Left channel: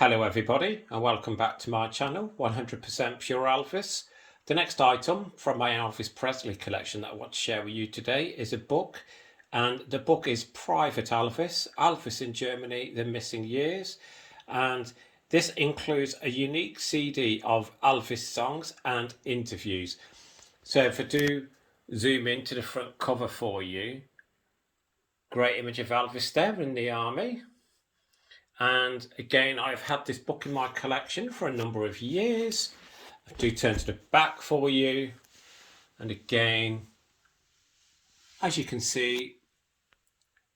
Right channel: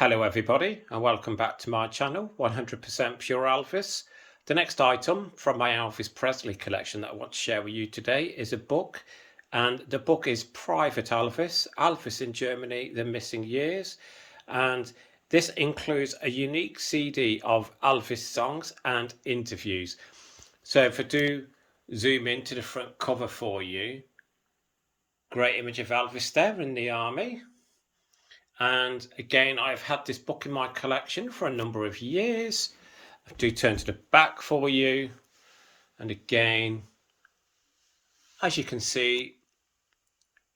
Hello everybody and welcome back to my channel 100% Pure Elvis. The next item from my Elvis Presley collection that I want to share with you today is a book, and the book is Private Elvis, Elvis in Germany, The Missing Years, and this includes a unique CD of Elvis songs and interviews. So if I do zoom into the front cover for you, great image of Elvis there in the army. And again, I've had this book in my collection for a number of years. I do turn to the back for you. And again, as you can see,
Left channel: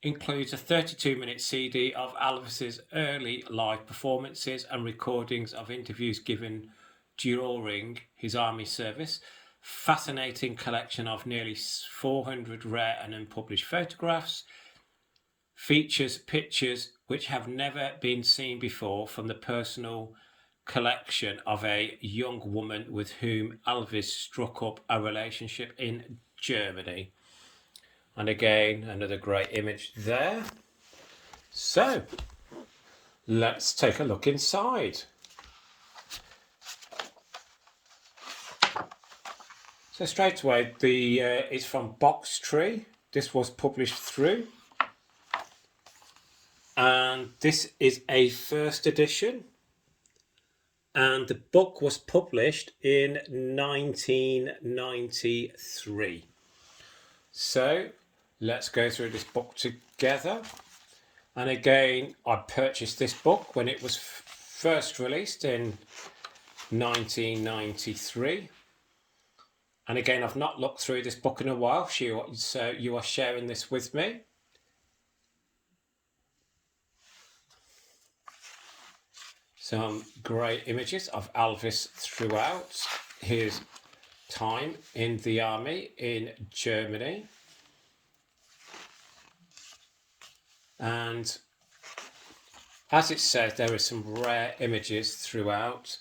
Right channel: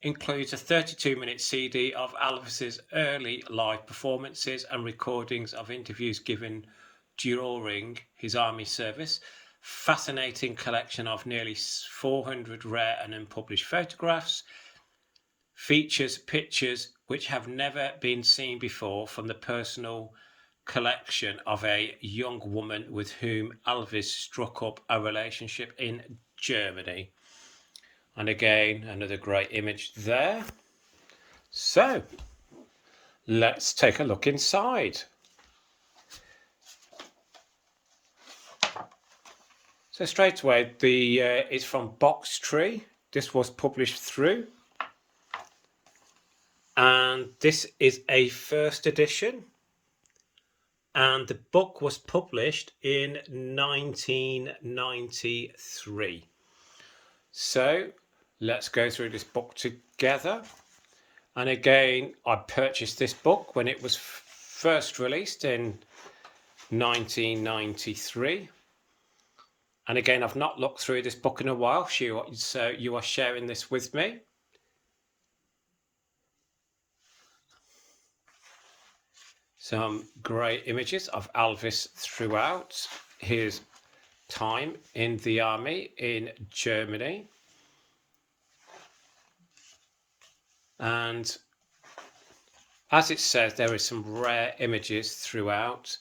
includes a 32-minute CD of Elvis's early live performances and recordings of interviews given during his army service. Fascinating collection of nearly 400 rare and unpublished photographs. Features pictures which have never been seen before from the personal collection of a young woman with whom Elvis struck up a relationship in Germany. And again, another great image there. So, let's take a look inside. So straight away, it's from Box Tree. This was published through. And this is a first edition, and the book was published in 1993. So let's go through this book together. And again, I purchased this book when it was first released in 1993. And again, I've not looked through this book in a while, so you are sharing this with me. Some great images of Elvis throughout his time in the army in Germany. And as it says, there is some rare images throughout.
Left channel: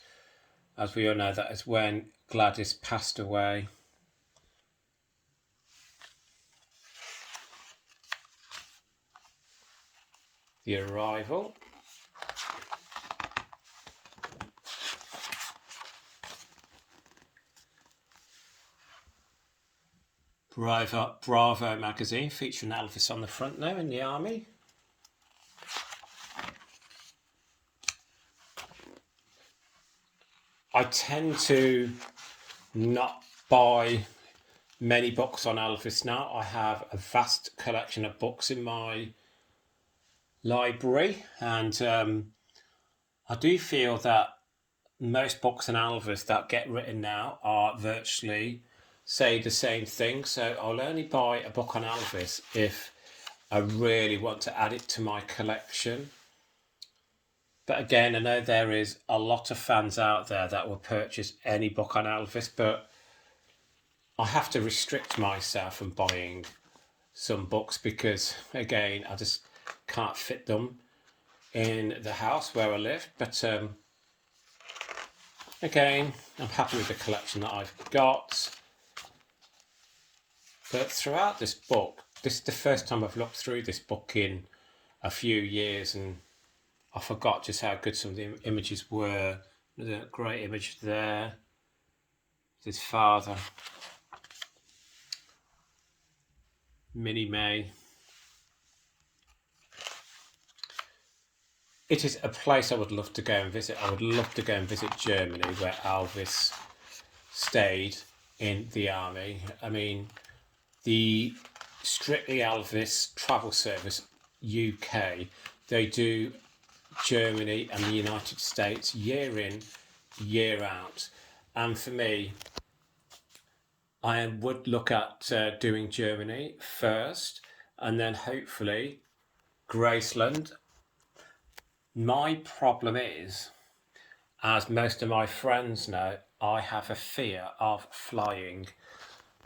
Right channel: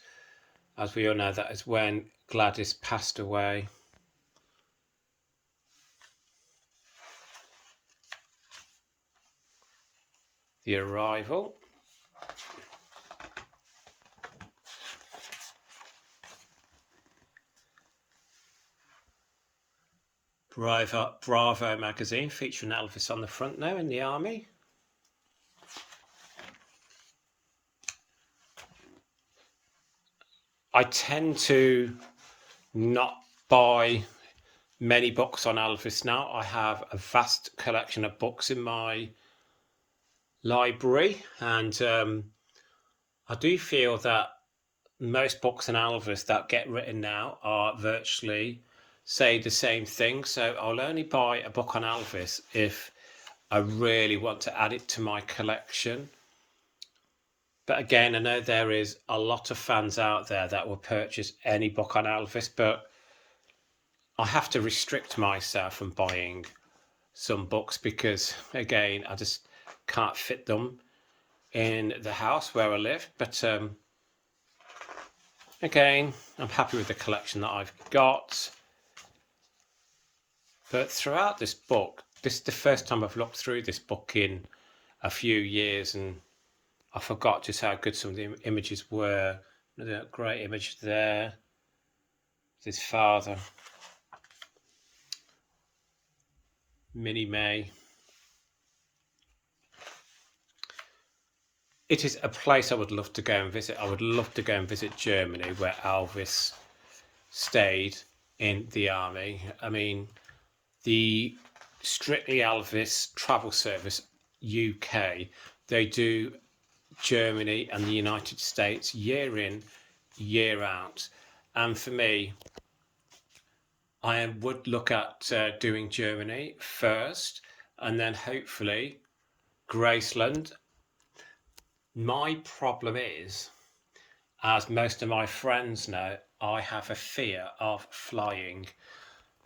As we all know, that is when Gladys passed away. The arrival. Bravo magazine featuring Elvis on the front now in the army. I tend to not buy many books on Elvis now. I have a vast collection of books in my library, and I do feel that most books on Elvis that get written now are virtually say the same thing. So I'll only buy a book on Elvis if I really want to add it to my collection. But again, I know there is a lot of fans out there that will purchase any book on Elvis, but I have to restrict myself from buying some books because, again, I just can't fit them in the house where I live. But again, I'm happy with the collection that I've got. But throughout this book, this is the first time I've looked through this book in a few years, and I forgot just how good some of the images were. Another great image there. His father, Minnie May. It is a place I would love to go and visit. I would love to go and visit Germany, where Elvis stayed in the army. I mean, the Strictly Elvis Travel Service UK, they do Germany and the United States year in, year out. And for me, I would look at doing Germany first, and then hopefully Graceland. My problem is, as most of my friends know, I have a fear of flying.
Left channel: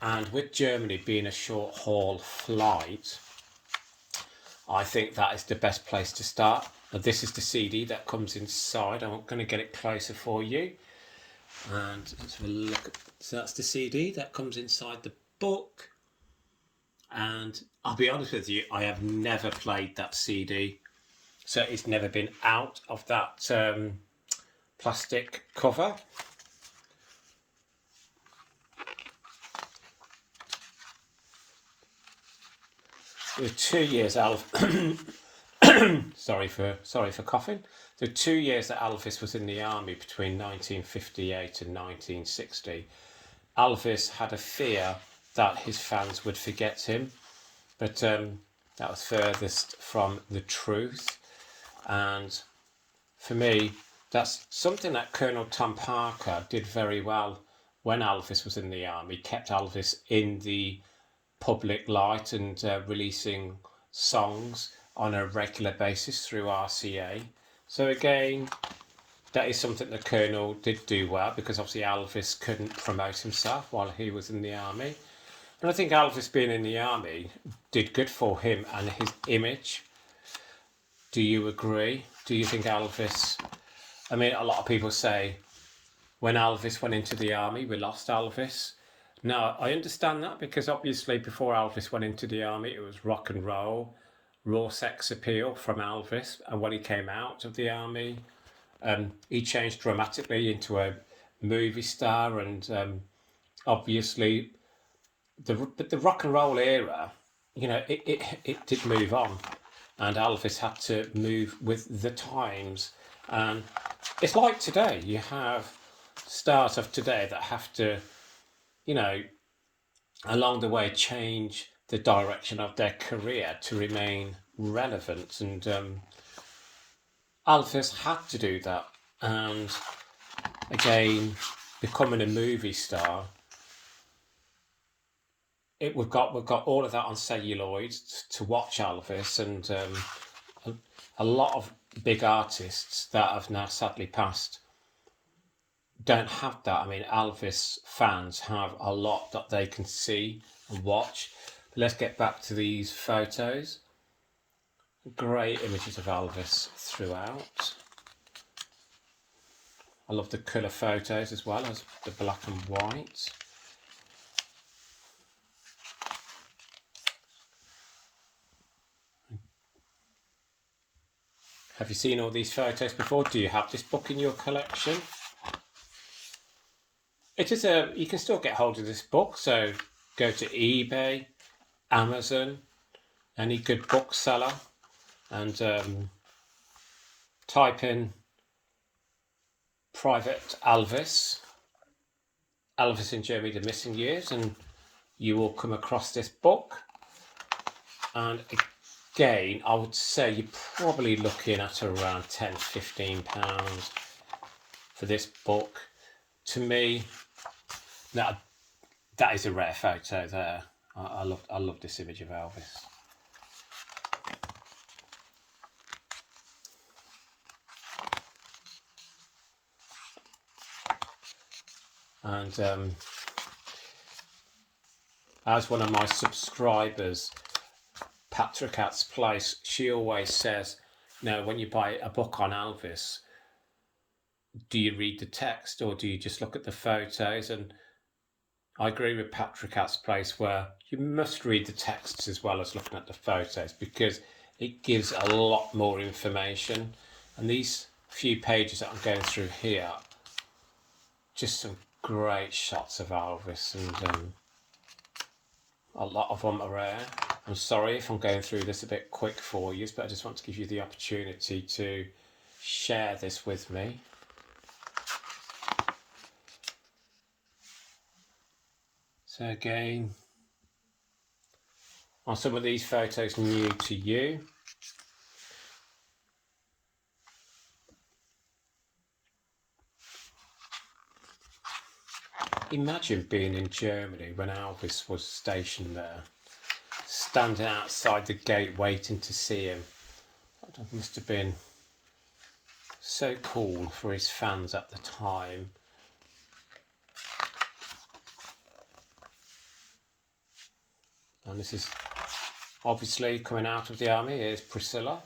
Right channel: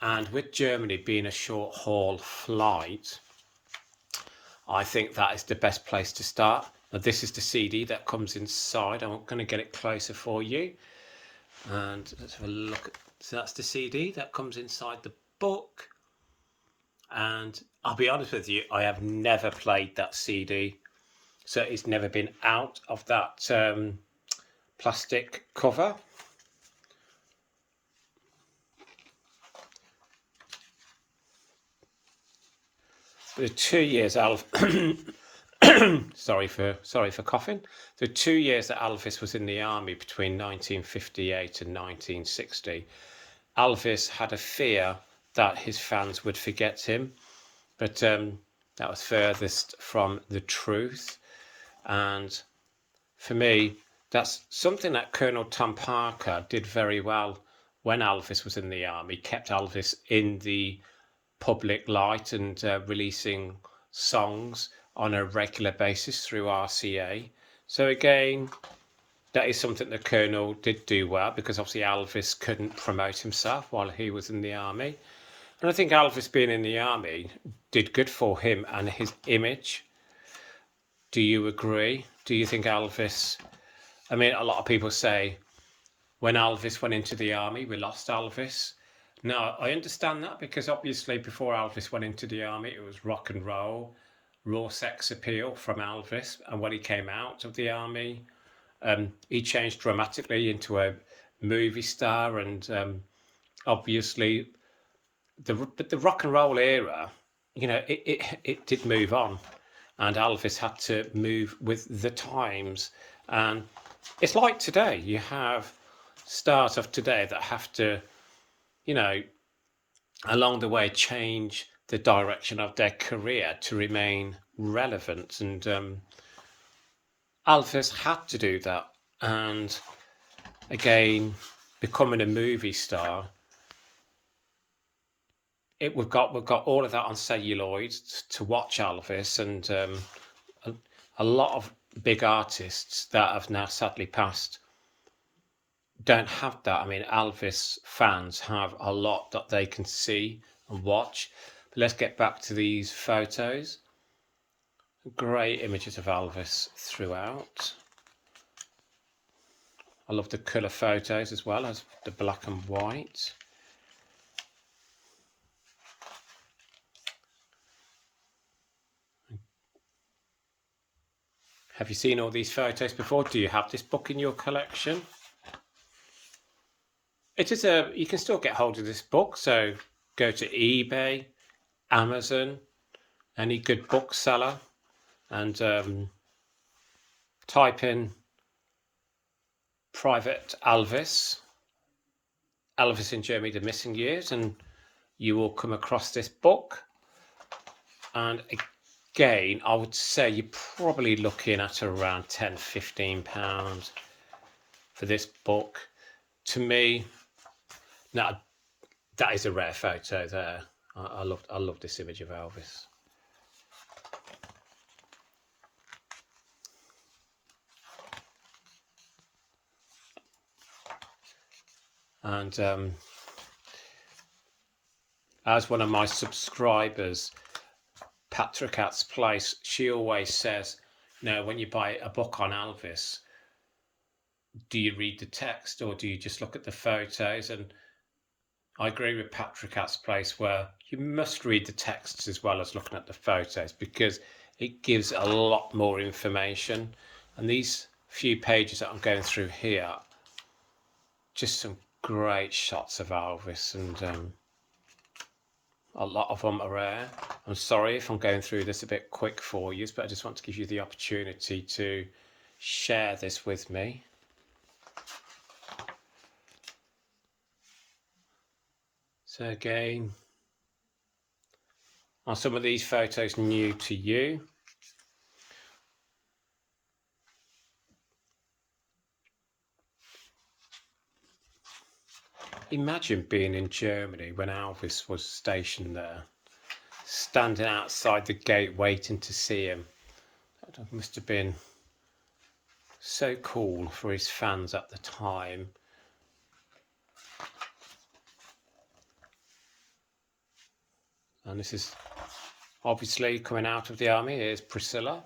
And with Germany being a short haul flight, I think that is the best place to start. Now, this is the CD that comes inside. I'm going to get it closer for you. And let's have a look. So that's the CD that comes inside the book. And I'll be honest with you, I have never played that CD. so it's never been out of that plastic cover. The 2 years sorry for coughing. The 2 years that Elvis was in the army between 1958 and 1960, Elvis had a fear that his fans would forget him, but that was furthest from the truth. And for me, that's something that Colonel Tom Parker did very well when Elvis was in the army, kept Elvis in the public light and releasing songs on a regular basis through RCA. So again, that is something the Colonel did do well, because obviously Elvis couldn't promote himself while he was in the army. And I think Elvis being in the army did good for him and his image. Do you agree? Do you think Elvis... I mean, a lot of people say when Elvis went into the army, we lost Elvis. Now, I understand that, because obviously before Elvis went into the army, it was rock and roll, raw sex appeal from Elvis. And when he came out of the army, he changed dramatically into a movie star. And obviously, the rock and roll era, you know, it did move on. And Elvis had to move with the times. And it's like today, you have stars of today that have to, you know, along the way change the direction of their career to remain relevant. And Elvis had to do that. And again, becoming a movie star, we've got all of that on celluloid to watch Elvis. And a lot of big artists that have now sadly passed don't have that. I mean, Elvis fans have a lot that they can see and watch. But let's get back to these photos. Great images of Elvis throughout. I love the colour photos as well as the black and white. Have you seen all these photos before? Do you have this book in your collection? It is you can still get hold of this book, so go to eBay, Amazon, any good bookseller, and type in Private Elvis, Elvis in Germany, The Missing Years, and you will come across this book. And again, I would say you're probably looking at around £10–15 for this book. To me, that is a rare photo there. I love this image of Elvis. And as one of my subscribers, Patrick At's Place, she always says, you know, when you buy a book on Elvis, do you read the text or do you just look at the photos? And I agree with Patrick At's Place, where you must read the texts as well as looking at the photos, because it gives a lot more information. And these few pages that I'm going through here, just some great shots of Elvis, and a lot of them are rare. I'm sorry if I'm going through this a bit quick for you, but I just want to give you the opportunity to share this with me. So again, are some of these photos new to you? Imagine being in Germany when Elvis was stationed there, standing outside the gate waiting to see him. That must have been so cool for his fans at the time. And this is obviously coming out of the army. Here's Priscilla.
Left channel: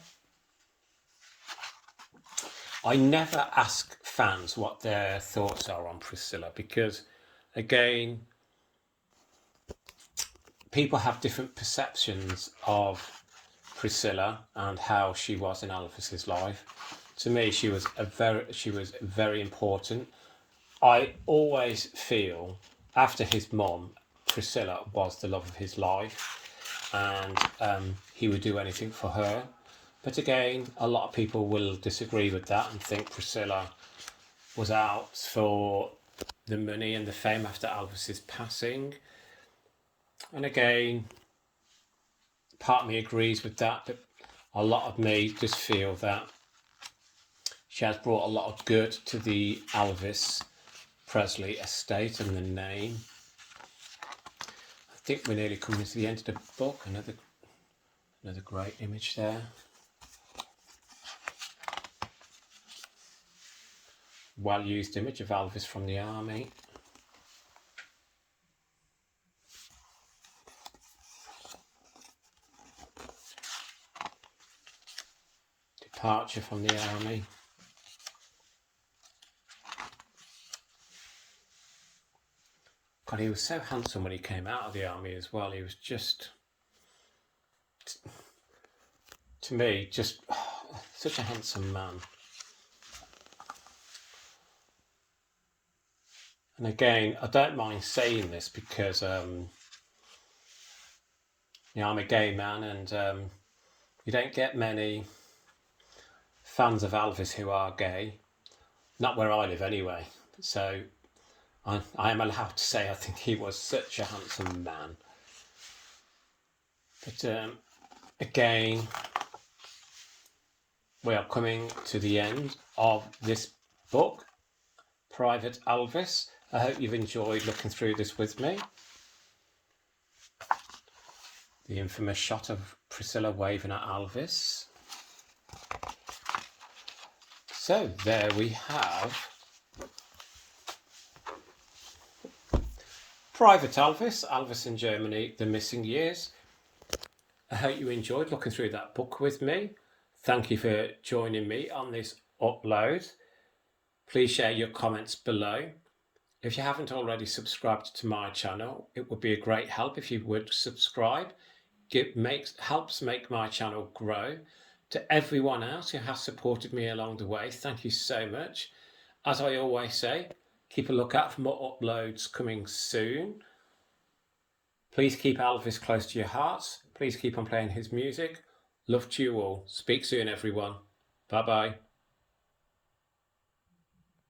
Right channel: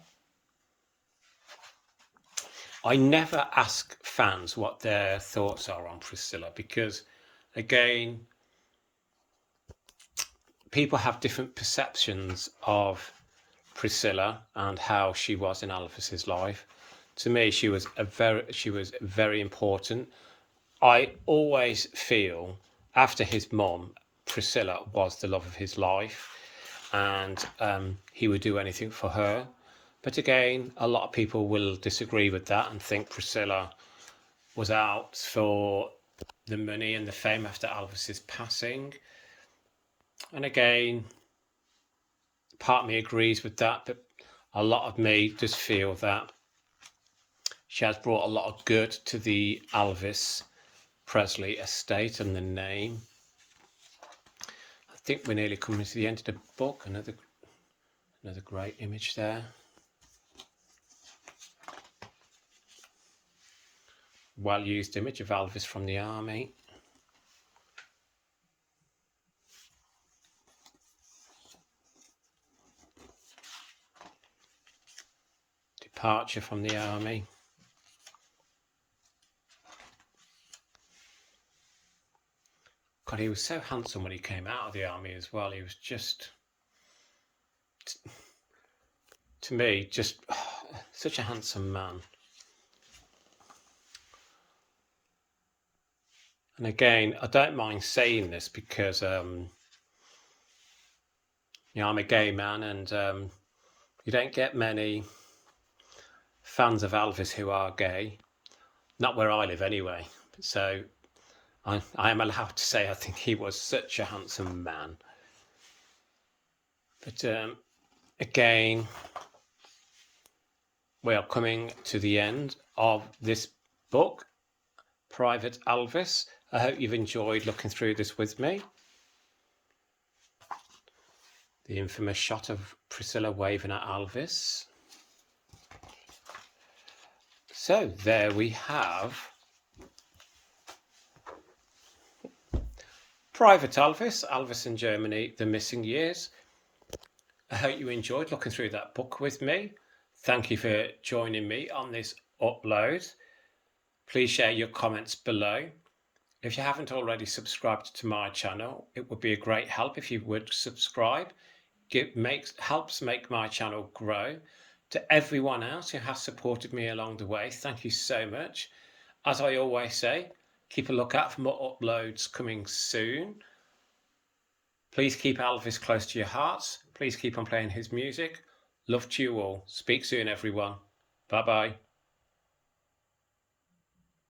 I never ask fans what their thoughts are on Priscilla, because again, people have different perceptions of Priscilla and how she was in Elvis's life. To me, she was very important. I always feel after his mum, Priscilla was the love of his life, and he would do anything for her. But again, a lot of people will disagree with that and think Priscilla was out for the money and the fame after Elvis's passing. And again, part of me agrees with that, but a lot of me just feel that she has brought a lot of good to the Elvis Presley estate and the name. I think we're nearly coming to the end of the book. Another great image there. Well used image of Elvis from the army. Departure from the army. God, he was so handsome when he came out of the army as well. He was just, to me, just such a handsome man. And again, I don't mind saying this because, I'm a gay man, and you don't get many fans of Elvis who are gay. Not where I live anyway. So I am allowed to say I think he was such a handsome man. But again, we are coming to the end of this book, Private Elvis. I hope you've enjoyed looking through this with me. The infamous shot of Priscilla waving at Elvis. So there we have Private Elvis, Elvis in Germany, The Missing Years. I hope you enjoyed looking through that book with me. Thank you for joining me on this upload. Please share your comments below. If you haven't already subscribed to my channel, it would be a great help if you would subscribe. Helps make my channel grow. To everyone else who has supported me along the way, thank you so much. As I always say, keep a lookout for more uploads coming soon. Please keep Elvis close to your hearts. Please keep on playing his music. Love to you all. Speak soon, everyone. Bye-bye.